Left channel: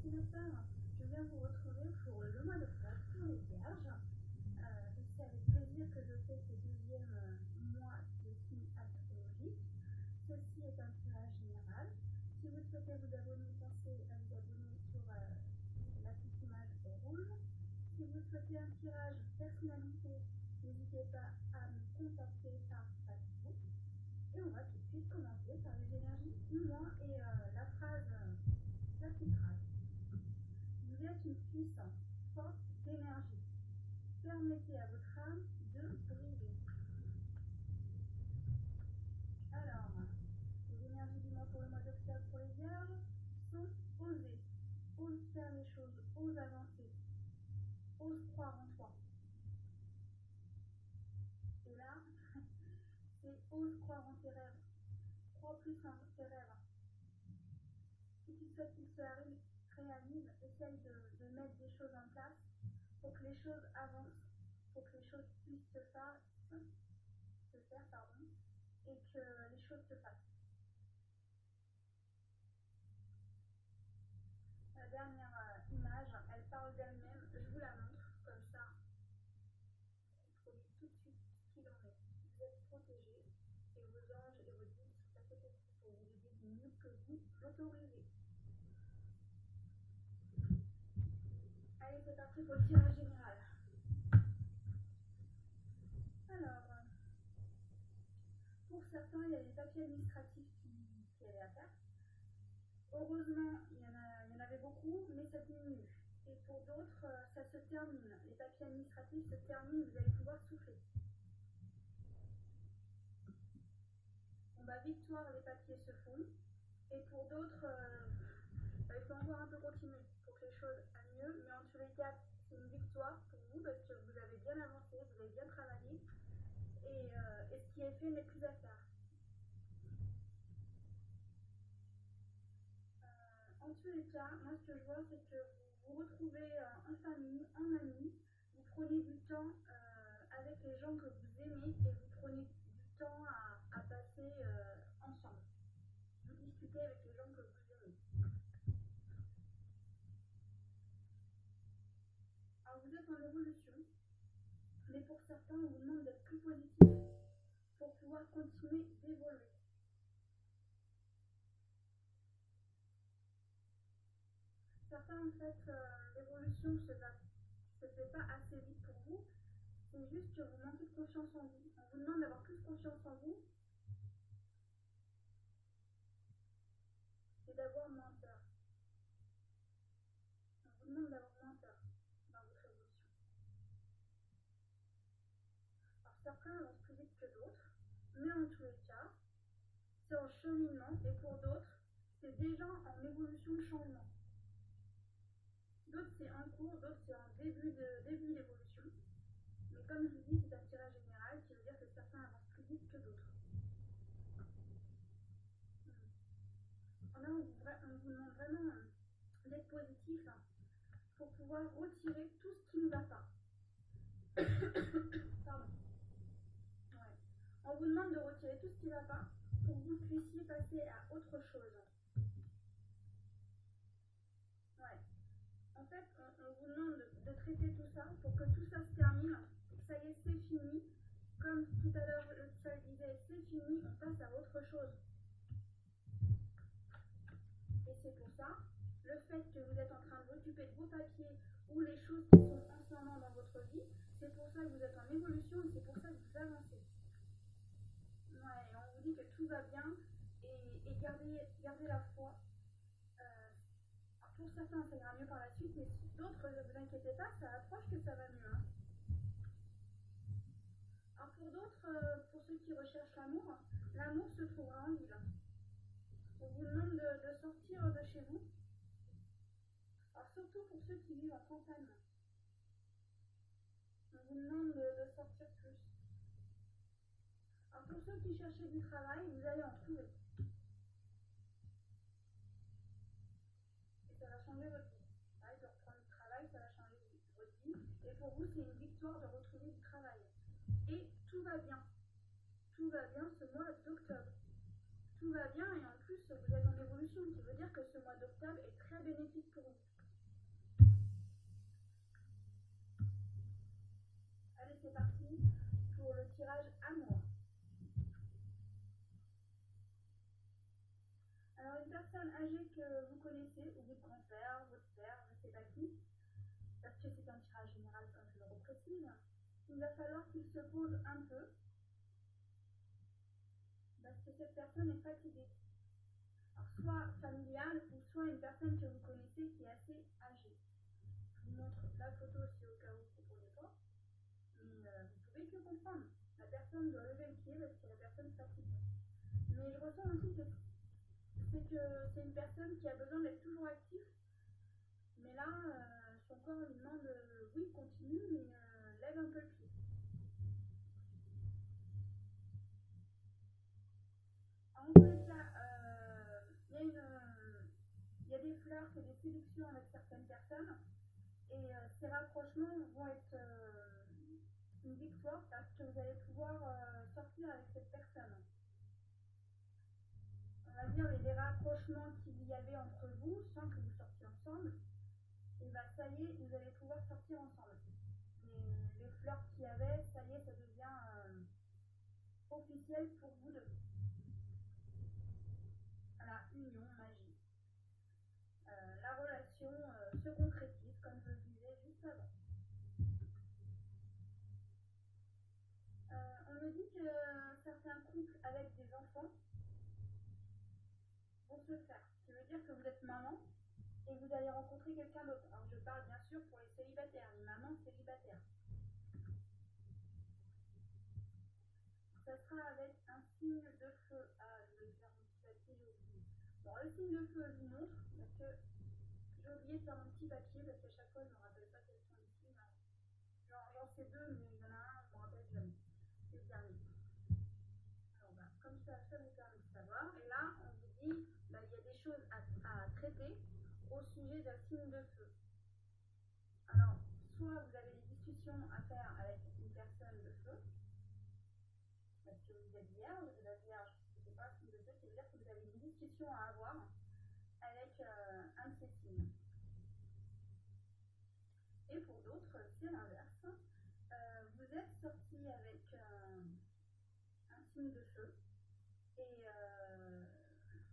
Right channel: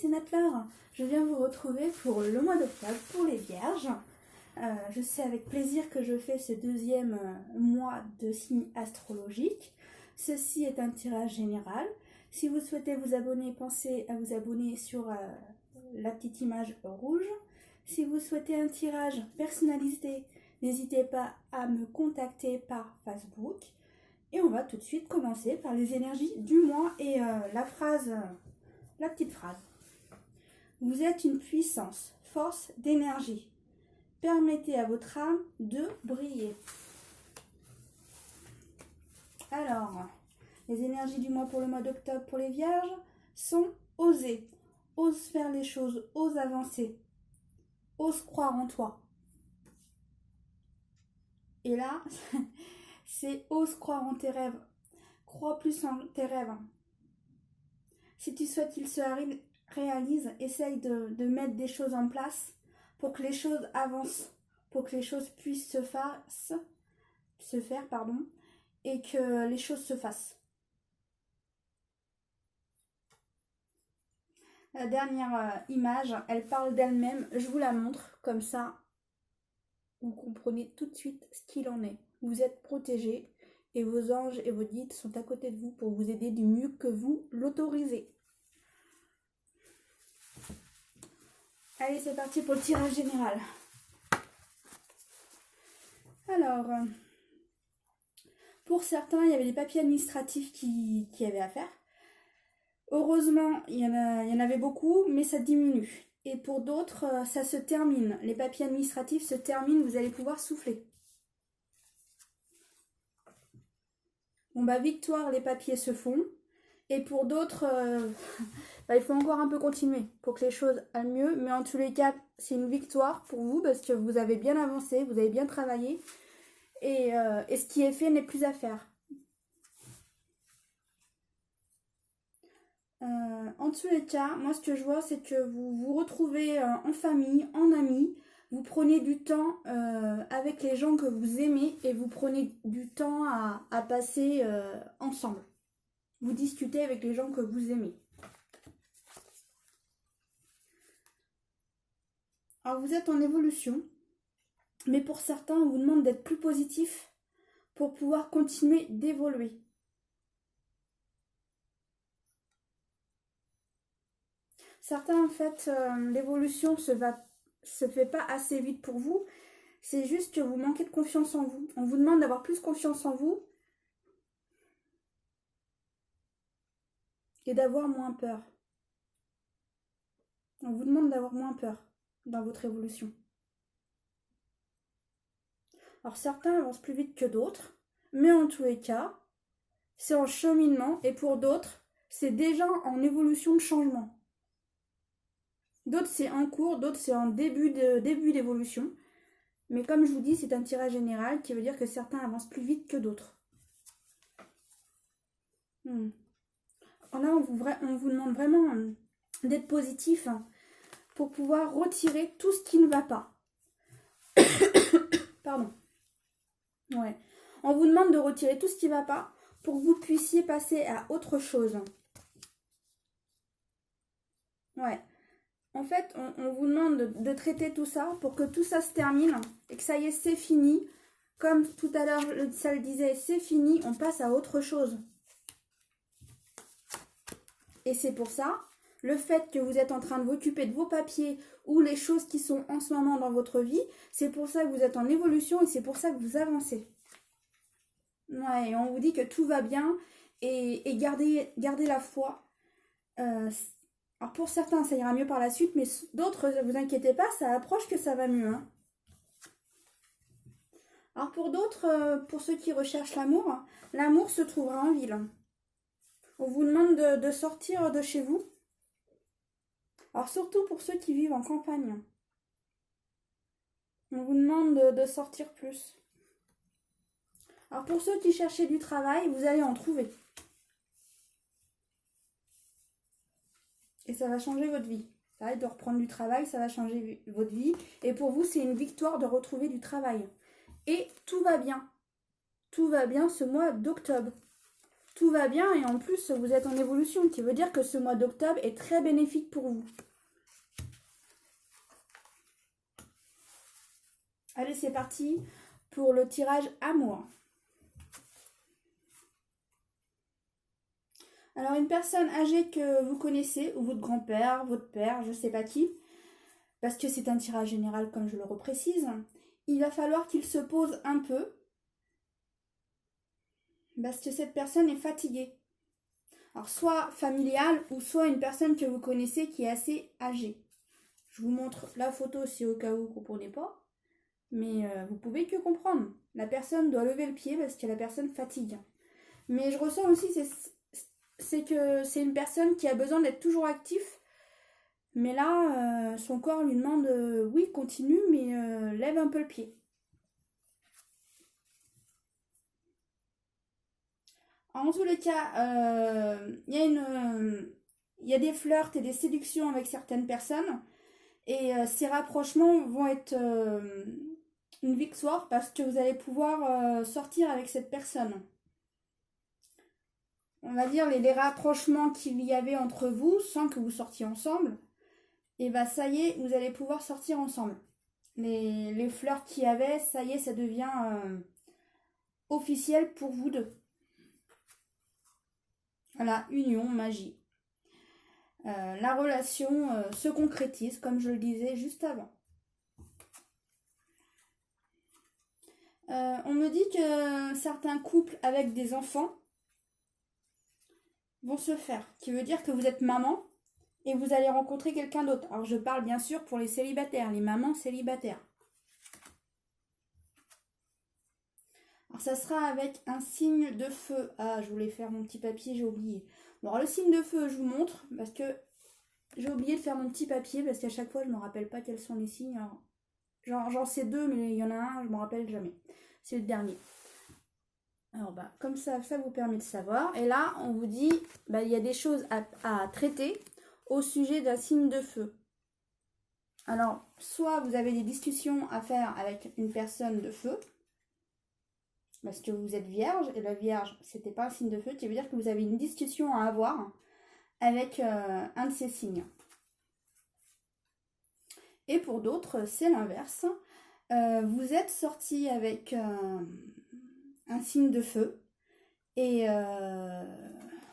c'est Nat-Laure. Je viens vous retrouver pour le mois d'octobre, pour les Vierges. Je sais avec plaisir que je fais ce deuxième mois de signes astrologiques. Ceci est un tirage général. Si vous souhaitez vous abonner, pensez à vous abonner sur la petite image rouge. Si vous souhaitez un tirage personnalisé, n'hésitez pas à me contacter par Facebook. Et on va tout de suite commencer par les énergies du mois et la petite phrase. Vous êtes une puissance, force d'énergie. Permettez à votre âme de briller. Alors, les énergies du mois pour le mois d'octobre pour les Vierges sont oser. Ose faire les choses, ose avancer. Ose croire en toi. Et là, c'est ose croire en tes rêves. Crois plus en tes rêves. Si tu souhaites qu'ils se réalisent, essaye de mettre des choses en place pour que les choses avancent, pour que les choses puissent se faire, et que les choses se fassent. La dernière image, elle parle d'elle-même. Je vous la montre, comme ça, vous comprenez tout de suite ce qu'il en est. Vous êtes protégés et vos anges et vos guides sont à côté de vous pour vous aider du mieux que vous l'autorisez. Allez, c'est parti pour le tirage général. Alors, pour certains, il y avait des papiers administratifs qui avaient à faire. Heureusement, il y en avait beaucoup, mais ça diminue. Et pour d'autres, ça se termine. Les papiers administratifs se terminent, vous allez pouvoir souffler. Bon bah victoire, les papiers se font. Et pour d'autres, il faut encore un peu continuer pour que les choses aillent mieux. Mais en tous les cas, c'est une victoire pour vous parce que vous avez bien avancé, vous avez bien travaillé. Et ce qui est fait n'est plus à faire. En tous les cas, moi ce que je vois, c'est que vous vous retrouvez en famille, en amis. Vous prenez du temps avec les gens que vous aimez et vous prenez du temps à passer ensemble. Vous discutez avec les gens que vous aimez. Alors vous êtes en évolution, mais pour certains, on vous demande d'être plus positif pour pouvoir continuer d'évoluer. Certains, en fait, l'évolution se fait pas assez vite pour vous. C'est juste que vous manquez de confiance en vous. On vous demande d'avoir plus confiance en vous et d'avoir moins peur. On vous demande d'avoir moins peur dans votre évolution. Alors certains avancent plus vite que d'autres, mais en tous les cas, c'est en cheminement et pour d'autres, c'est déjà en évolution de changement. D'autres c'est en cours, d'autres c'est en début d'évolution. Mais comme je vous dis, c'est un tirage général qui veut dire que certains avancent plus vite que d'autres. Là, on vous demande vraiment d'être positif pour pouvoir retirer tout ce qui ne va pas. Pardon. Ouais. On vous demande de retirer tout ce qui ne va pas pour que vous puissiez passer à autre chose. Ouais. En fait, on vous demande de traiter tout ça pour que tout ça se termine et que ça y est, c'est fini. Comme tout à l'heure, ça le disait, c'est fini, on passe à autre chose. Et c'est pour ça, le fait que vous êtes en train de vous occuper de vos papiers ou les choses qui sont en ce moment dans votre vie, c'est pour ça que vous êtes en évolution et c'est pour ça que vous avancez. Ouais, et on vous dit que tout va bien et gardez la foi. Alors pour certains, ça ira mieux par la suite, mais d'autres, ne vous inquiétez pas, ça approche que ça va mieux. Hein. Alors pour d'autres, pour ceux qui recherchent l'amour, l'amour se trouvera en ville. On vous demande de sortir de chez vous. Alors surtout pour ceux qui vivent en campagne. On vous demande de sortir plus. Alors pour ceux qui cherchaient du travail, vous allez en trouver. Et ça va changer votre vie. Ça va être de reprendre du travail, ça va changer votre vie. Et pour vous, c'est une victoire de retrouver du travail. Et tout va bien. Tout va bien ce mois d'octobre. tout va bien et en plus vous êtes en évolution, qui veut dire que ce mois d'octobre est très bénéfique pour vous. Allez, c'est parti pour le tirage amour. Alors, une personne âgée que vous connaissez, ou votre grand-père, votre père, je ne sais pas qui, parce que c'est un tirage général comme je le reprécise, il va falloir qu'il se pose un peu, parce que cette personne est fatiguée. Alors, soit familiale, ou soit une personne que vous connaissez qui est assez âgée. Je vous montre la photo si au cas où vous ne comprenez pas. Mais vous pouvez que comprendre. La personne doit lever le pied parce que la personne fatigue. Mais je ressens aussi c'est que c'est une personne qui a besoin d'être toujours actif. Mais là, son corps lui demande oui, continue, mais lève un peu le pied. En tous les cas, il y a des flirts et des séductions avec certaines personnes. Et ces rapprochements vont être une victoire parce que vous allez pouvoir sortir avec cette personne. On va dire les rapprochements qu'il y avait entre vous sans que vous sortiez ensemble. Et bah ça y est, vous allez pouvoir sortir ensemble. Les flirts qu'il y avait, ça y est, ça devient officiel pour vous deux. Voilà, union, magie. La relation se concrétise comme je le disais juste avant. On me dit que certains couples avec des enfants vont se faire, qui veut dire que vous êtes maman et vous allez rencontrer quelqu'un d'autre. Alors je parle bien sûr pour les célibataires, les mamans célibataires. Alors ça sera avec un signe de feu. Ah, je voulais faire mon petit papier, j'ai oublié. Bon, alors le signe de feu, je vous montre parce que j'ai oublié de faire mon petit papier parce qu'à chaque fois je ne me rappelle pas quels sont les signes. J'en sais deux, mais il y en a un, je ne me rappelle jamais. C'est le dernier. Alors bah, comme ça vous permet de savoir. Et là, on vous dit, bah, il y a des choses à traiter au sujet d'un signe de feu. Alors, soit vous avez des discussions à faire avec une personne de feu, parce que vous êtes vierge, et la vierge, c'était pas un signe de feu, qui veut dire que vous avez une discussion à avoir avec un de ces signes. Et pour d'autres, c'est l'inverse. Vous êtes sorti avec un signe de feu et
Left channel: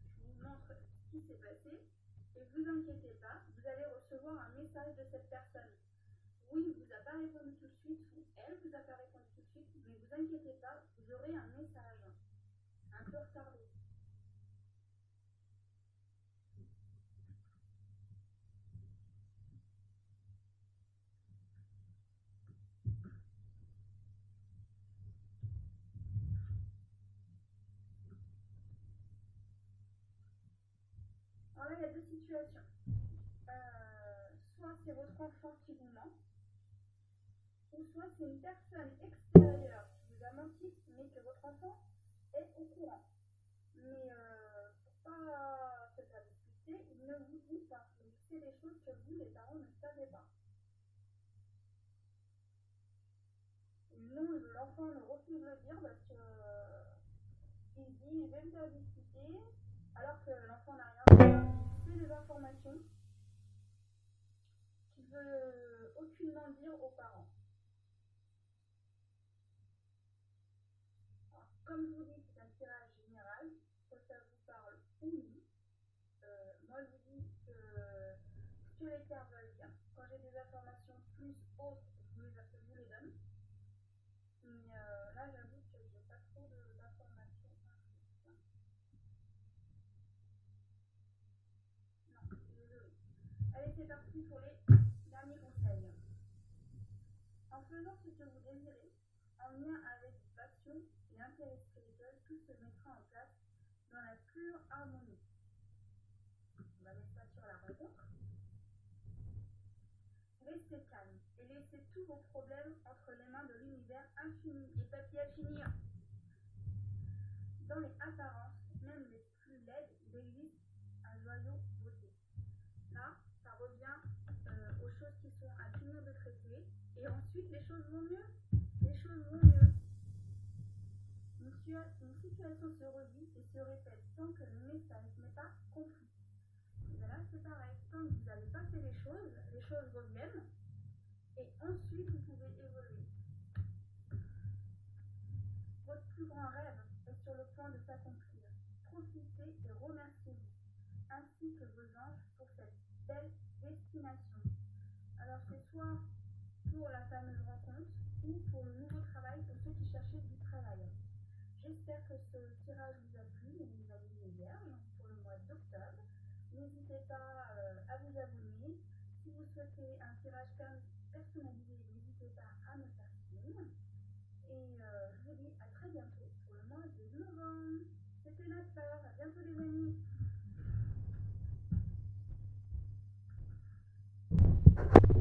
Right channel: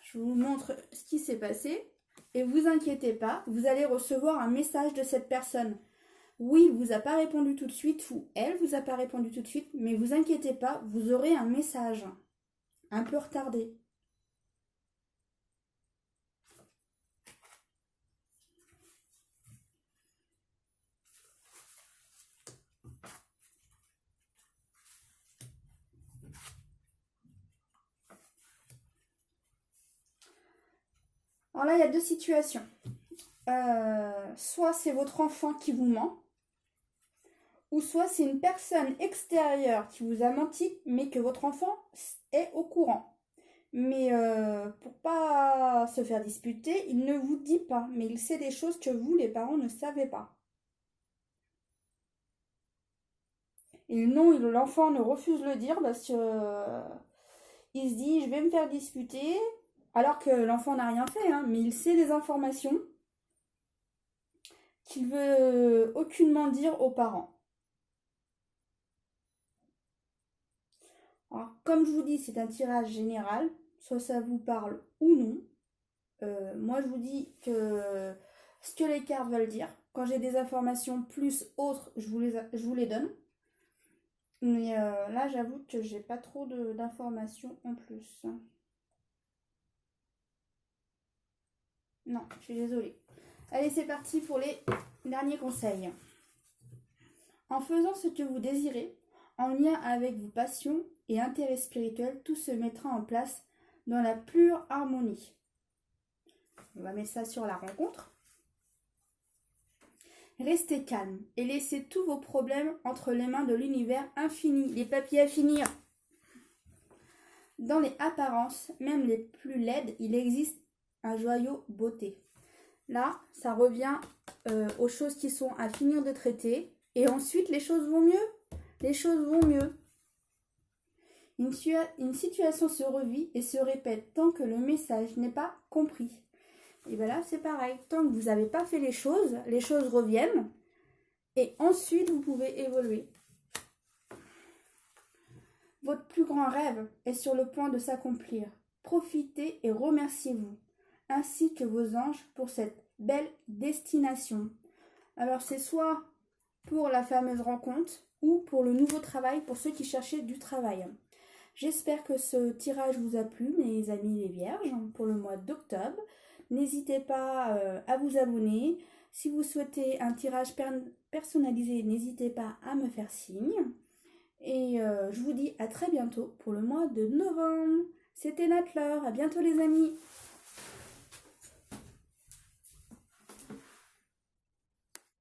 je vous montre ce qui s'est passé et vous inquiétez pas, vous allez recevoir un message de cette personne. Oui, il vous a pas répondu tout de suite ou elle vous a pas répondu tout de suite, mais vous inquiétez pas, vous aurez un message un peu retardé. Alors là, il y a deux situations. Soit c'est votre enfant qui vous ment, ou soit c'est une personne extérieure qui vous a menti, mais que votre enfant est au courant. Mais pour pas se faire disputer, il ne vous dit pas, mais il sait des choses que vous, les parents, ne savez pas. Et non, l'enfant ne refuse de le dire parce que il se dit je vais me faire disputer, alors que l'enfant n'a rien fait, hein, mais il sait des informations qu'il veut aucunement dire aux parents. Alors, comme je vous dis, c'est un tirage général, soit ça vous parle ou non. Moi, je vous dis que ce que les cartes veulent dire. Quand j'ai des informations plus autres, je vous les donne. Mais là, j'avoue que j'ai pas trop d'informations en plus. Non, je suis désolée. Allez, c'est parti pour les derniers conseils. En faisant ce que vous désirez, en lien avec vos passions et intérêts spirituels, tout se mettra en place dans la pure harmonie. On va mettre ça sur la rencontre. Restez calme et laissez tous vos problèmes entre les mains de l'univers infini. Les papiers à finir. Dans les apparences, même les plus laides, il existe un joyau beauté. Là, ça revient aux choses qui sont à finir de traiter. Et ensuite, les choses vont mieux. Les choses vont mieux. Une situation se revit et se répète tant que le message n'est pas compris. Et bien là, c'est pareil. Tant que vous n'avez pas fait les choses reviennent. Et ensuite, vous pouvez évoluer. Votre plus grand rêve est sur le point de s'accomplir. Profitez et remerciez-vous, ainsi que vos anges pour cette belle destination. Alors c'est soit pour la fameuse rencontre ou pour le nouveau travail pour ceux qui cherchaient du travail. J'espère que ce tirage vous a plu, mes amis les vierges, pour le mois d'octobre. N'hésitez pas à vous abonner. Si vous souhaitez un tirage personnalisé, n'hésitez pas à me faire signe. Et je vous dis à très bientôt pour le mois de novembre. C'était Nat Laure. À bientôt les amis.